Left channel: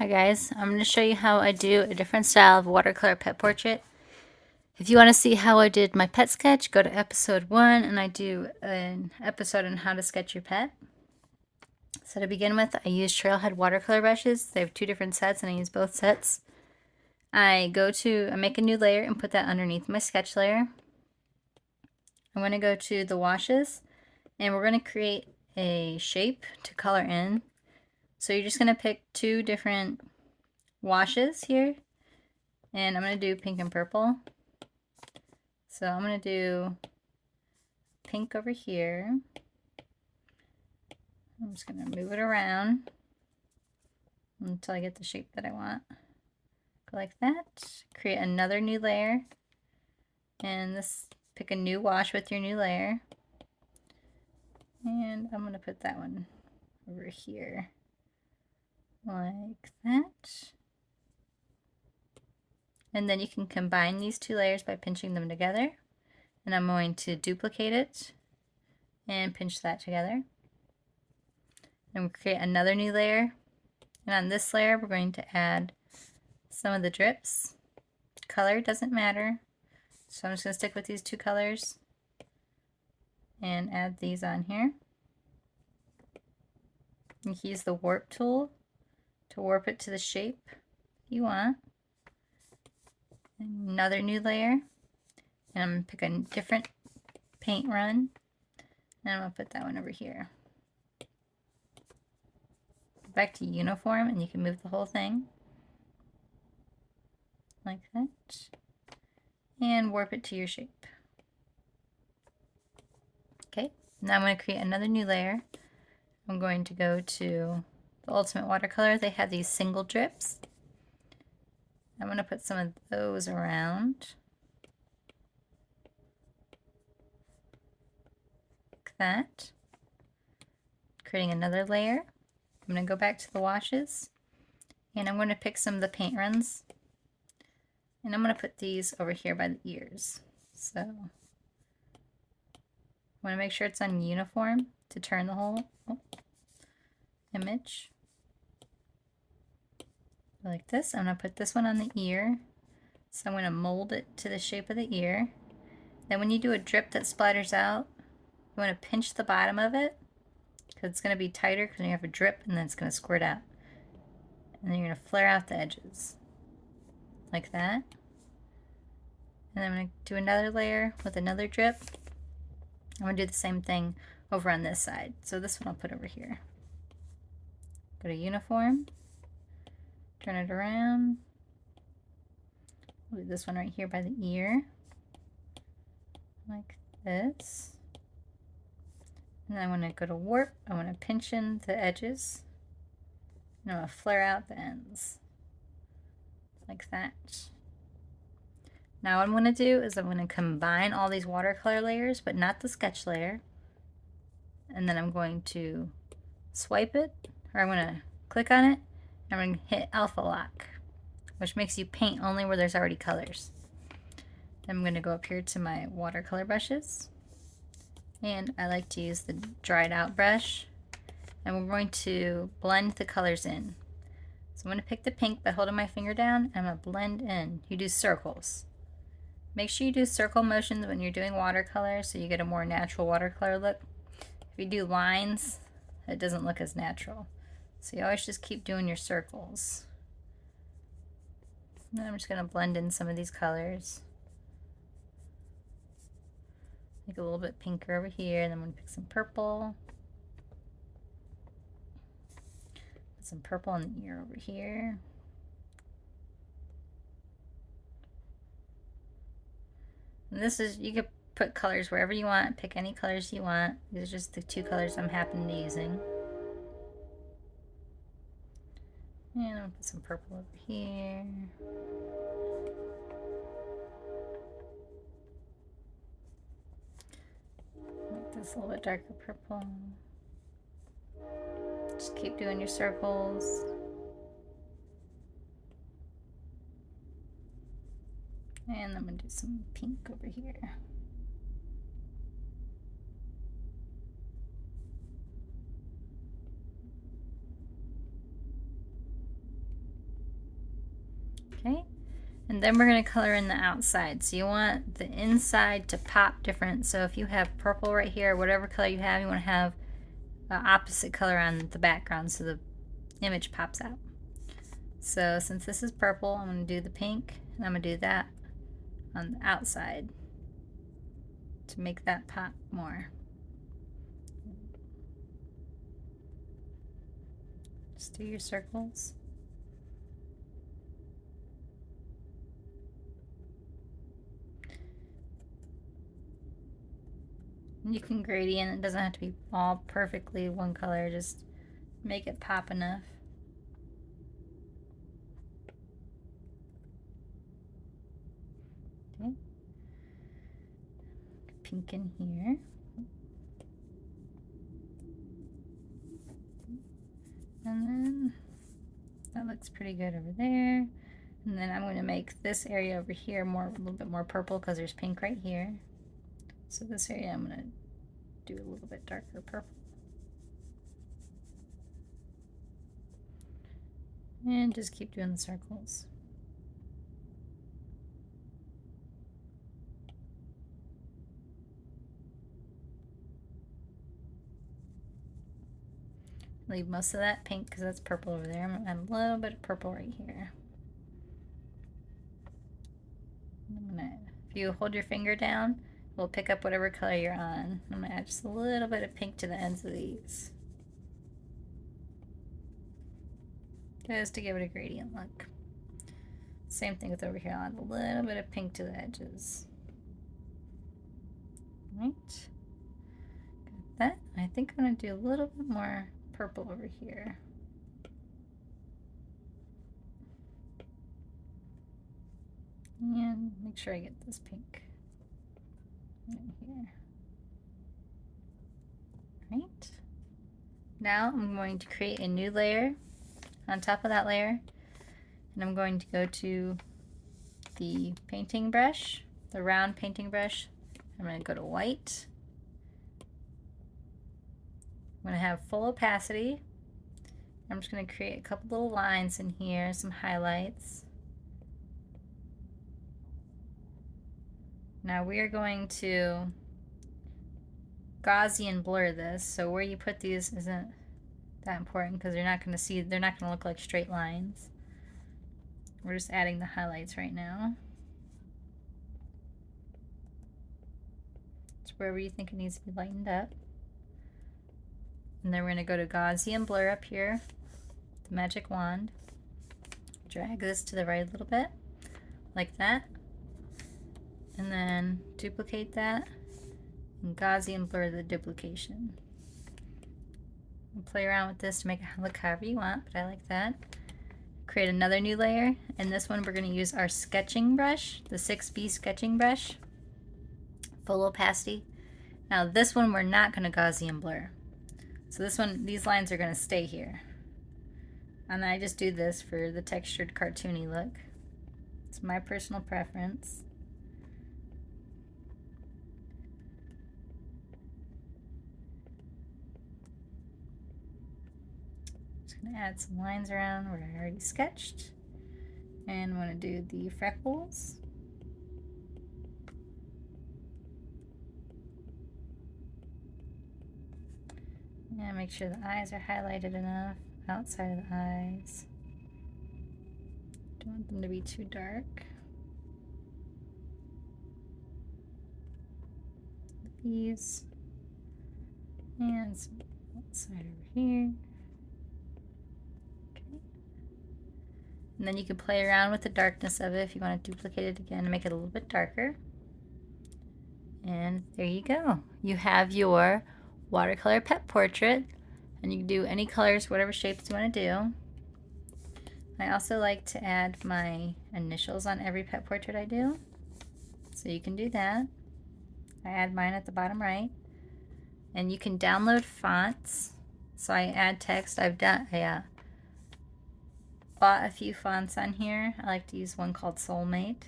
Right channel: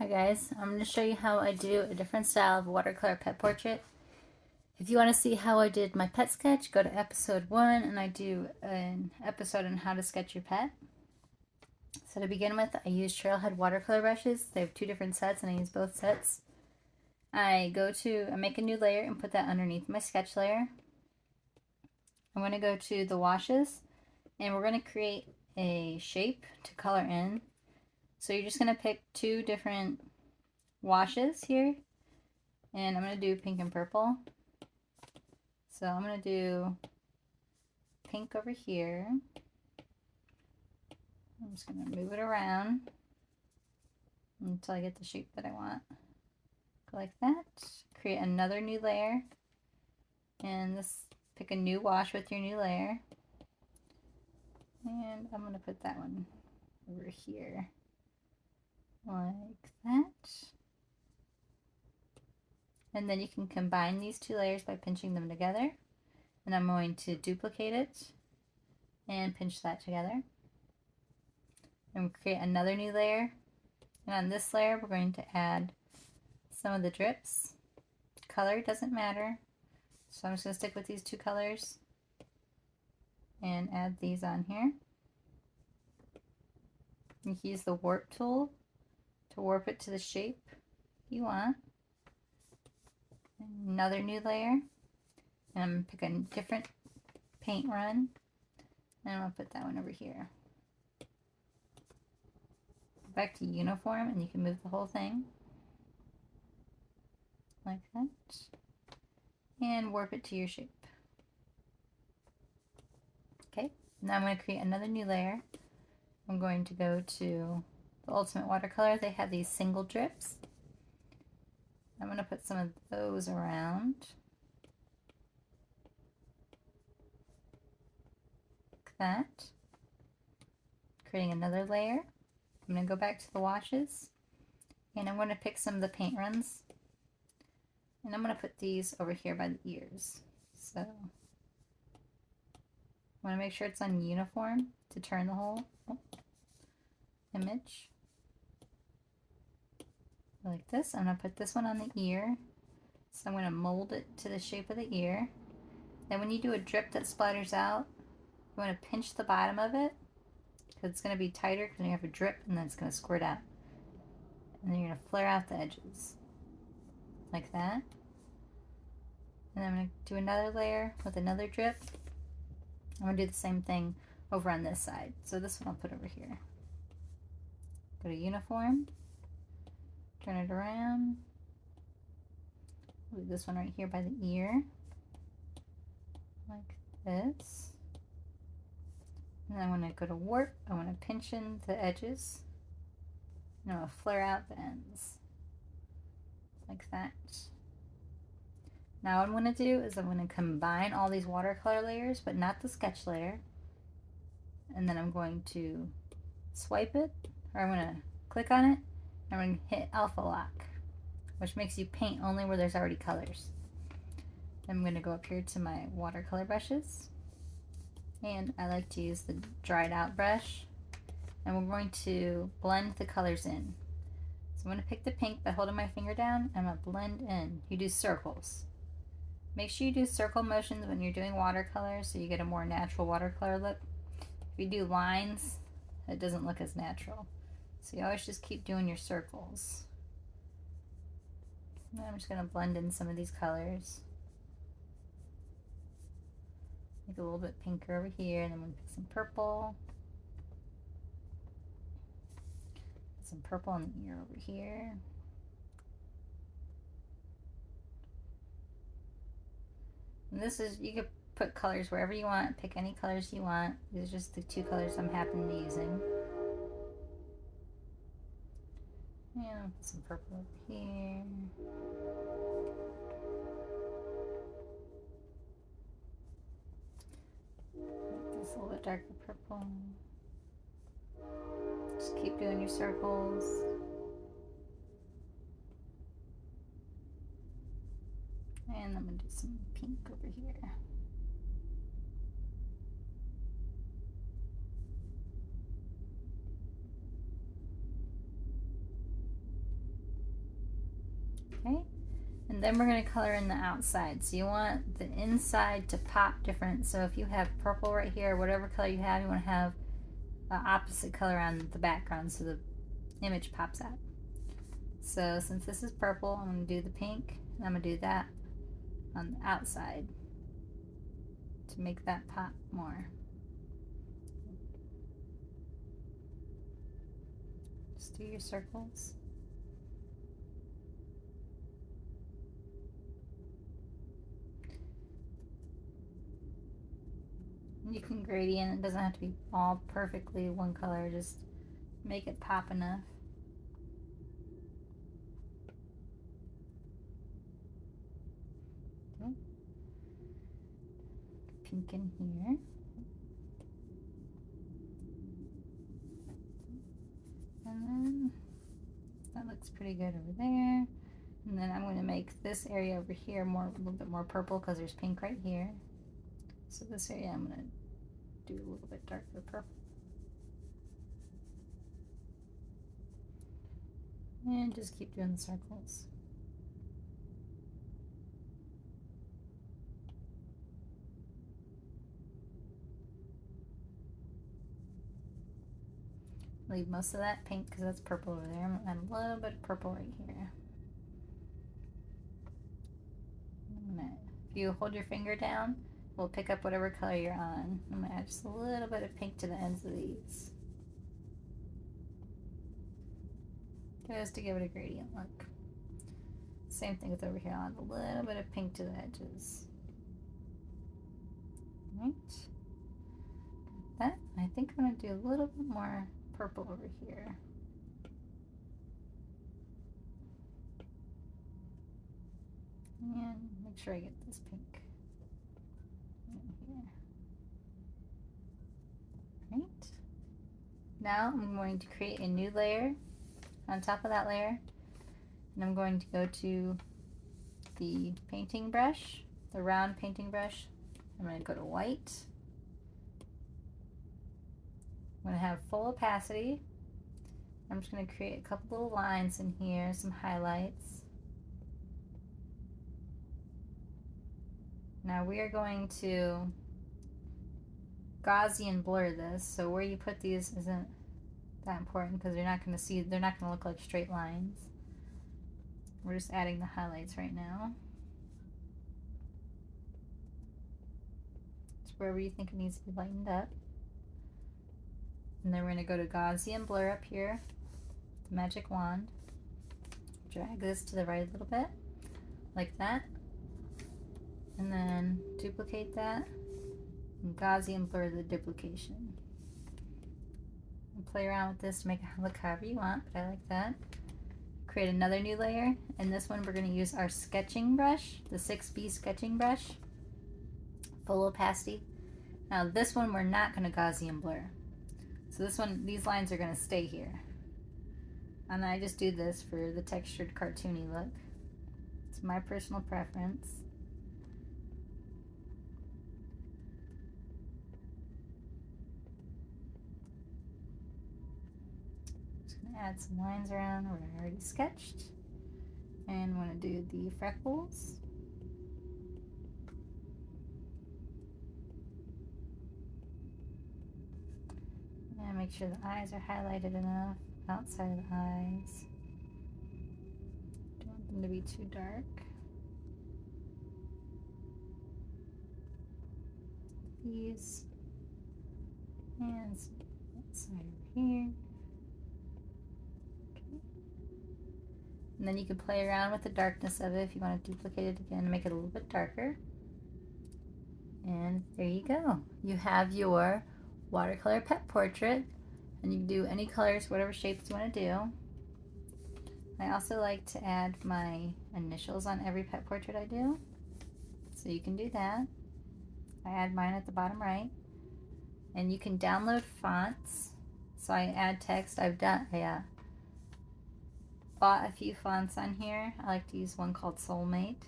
Hi guys, I'm going to show you how I do a different style of watercolor pet portrait. If you want to see how I did my pet sketch, go to episode 1 and I do an episode on how to sketch your pet. So to begin with, I use Trailhead watercolor brushes. They have 2 different sets and I use both sets. I make a new layer and put that underneath my sketch layer. I'm going to go to the washes and we're going to create a shape to color in. So you're just going to pick 2 different washes here, and I'm going to do pink and purple. So I'm going to do pink over here. I'm just going to move it around until I get the shape that I want. Go like that. Create another new layer, and pick a new wash with your new layer. And I'm going to put that one over here like that. And then you can combine these 2 layers by pinching them together. And I'm going to duplicate it and pinch that together. And we'll create another new layer. And on this layer, we're going to add some of the drips. Color doesn't matter. So I'm just going to stick with these 2 colors and add these on here. You can use the warp tool to warp it to the shape you want. Another new layer. And I'm going to pick a different paint run. And I'm going to put that one over here. Back to uniform, and you can move the whole thing like that and warp it to your shape. Okay, now I'm going to create another new layer. I'm going to go to the Ultimate Watercolor. They have these single drips. I'm going to put some of those around like that, creating another layer. I'm going to go back to the washes, and I'm going to pick some of the paint runs, and I'm going to put these over here by the ears. So I want to make sure it's on uniform to turn the whole image. Like this. I'm going to put this one on the ear, so I'm going to mold it to the shape of the ear. Then when you do a drip that splatters out, you want to pinch the bottom of it, because it's going to be tighter because you have a drip and then it's going to squirt out. And then you're going to flare out the edges like that. And I'm going to do another layer with another drip. I'm going to do the same thing over on this side. So this one I'll put over here. Go to uniform, turn it around. Leave this one right here by the ear like this. And then I want to go to warp. I want to pinch in the edges. And I want to flare out the ends like that. Now what I'm going to do is I'm going to combine all these watercolor layers, but not the sketch layer. And then I'm going to swipe it, or I'm going to click on it, and I'm going to hit alpha lock, which makes you paint only where there's already colors. Then I'm going to go up here to my watercolor brushes. And I like to use the dried out brush, and we're going to blend the colors in. So I'm going to pick the pink by holding my finger down, and I'm going to blend in. You do circles. Make sure you do circle motions when you're doing watercolor so you get a more natural watercolor look. If you do lines, it doesn't look as natural. So you always just keep doing your circles. And I'm just going to blend in some of these colors. Make it a little bit pinker over here, and then I'm going to pick some purple. Put some purple in the ear over here. And this is, you could put colors wherever you want, pick any colors you want. These are just the 2 colors I'm happening to be using. And I'm going to put some purple over here. Make this a little bit darker purple. Just keep doing your circles. And I'm going to do some pink over here. And then we're going to color in the outside. So you want the inside to pop different. So if you have purple right here, whatever color you want to have the opposite color on the background so the image pops out. So since this is purple, I'm going to do the pink, and I'm going to do that on the outside to make that pop more. Just do your circles. You can gradient, it doesn't have to be all perfectly one color, just make it pop enough. Okay. Pink in here. And then that looks pretty good over there. And then I'm going to make this area over here a little bit more purple because there's pink right here. So this area I'm going to do a little bit darker purple. And just keep doing the circles. Leave most of that pink because that's purple over there. I'm going to add a little bit of purple right here. If you hold your finger down, we'll pick up whatever color you're on. I'm going to add just a little bit of pink to the ends of these. Just to give it a gradient look. Same thing with over here. I'll add a little bit of pink to the edges. Right. Got that. I think I'm going to do a little bit more purple over here. And make sure I get this pink in here. Right. Now I'm going to create a new layer on top of that layer, and I'm going to go to the painting brush, the round painting brush. I'm going to go to white. I'm going to have full opacity. I'm just going to create a couple little lines in here, some highlights. Now we are going to Gaussian blur this, so where you put these isn't that important because you're not going to see, they're not going to look like straight lines. We're just adding the highlights right now. It's wherever you think it needs to be lightened up. And then we're going to go to Gaussian blur up here, the magic wand. Drag this to the right a little bit, like that. And then duplicate that and Gaussian blur the duplication. And play around with this to make it look however you want, but I like that. Create another new layer, and this one we're going to use our sketching brush, the 6B sketching brush, full opacity. Now this one we're not going to Gaussian blur. So this one, these lines are going to stay here. And I just do this for the textured cartoony look. It's my personal preference. Add some lines around where I already sketched, and want to do the freckles. And make sure the eyes are highlighted enough outside of the eyes. Don't want them to be too dark. These, and some outside over here. And then you can play around with the darkness of it if you want to duplicate it again and make it a little bit darker. And there you go. You have your watercolor pet portrait, and you can do any colors, whatever shapes you want to do. I also like to add my initials on every pet portrait I do, so you can do that. I add mine at the bottom right. And you can download fonts. So I add text. I've done, bought a few fonts on here. I like to use one called Soulmate.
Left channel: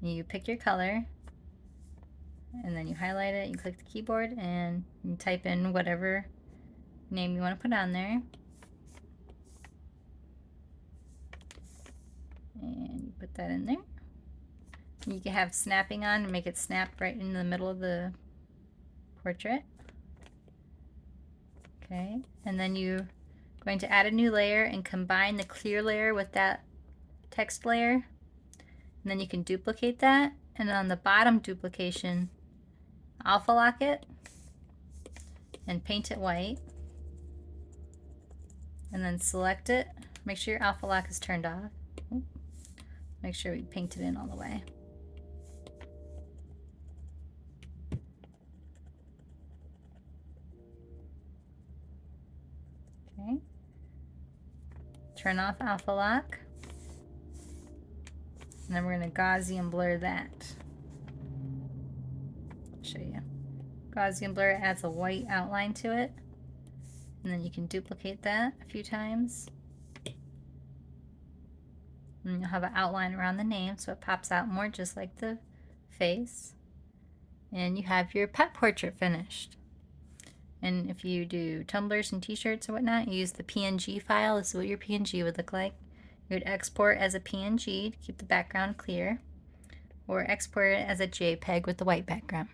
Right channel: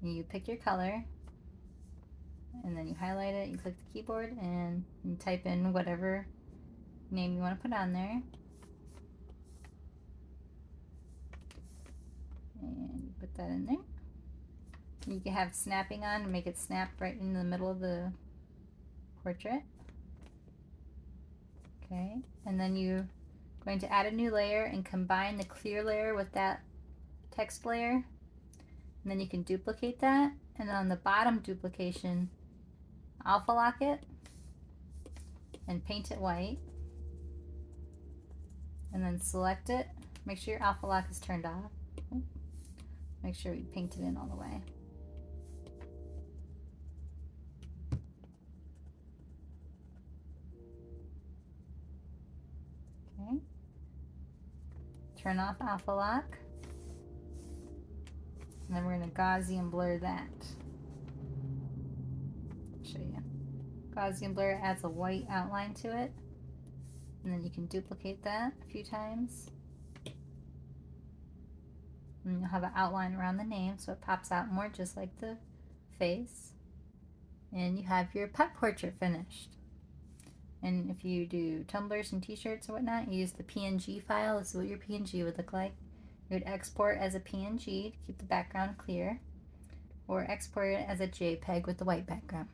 You pick your color, and then you highlight it, you click the keyboard, and you type in whatever name you want to put on there. Put that in there. You can have snapping on and make it snap right in the middle of the portrait. Okay, and then you're going to add a new layer and combine the clear layer with that text layer. And then you can duplicate that, and on the bottom duplication, alpha lock it and paint it white. And then select it. Make sure your alpha lock is turned off. Make sure we paint it in all the way. Okay. Turn off alpha lock. And then we're going to Gaussian blur that. I'll show you. Gaussian blur adds a white outline to it. And then you can duplicate that a few times. And you'll have an outline around the name so it pops out more just like the face. And you have your pet portrait finished. And if you do tumblers and t-shirts or whatnot, you use the PNG file. This is what your PNG would look like. You would export as a PNG to keep the background clear, or export it as a JPEG with the white background.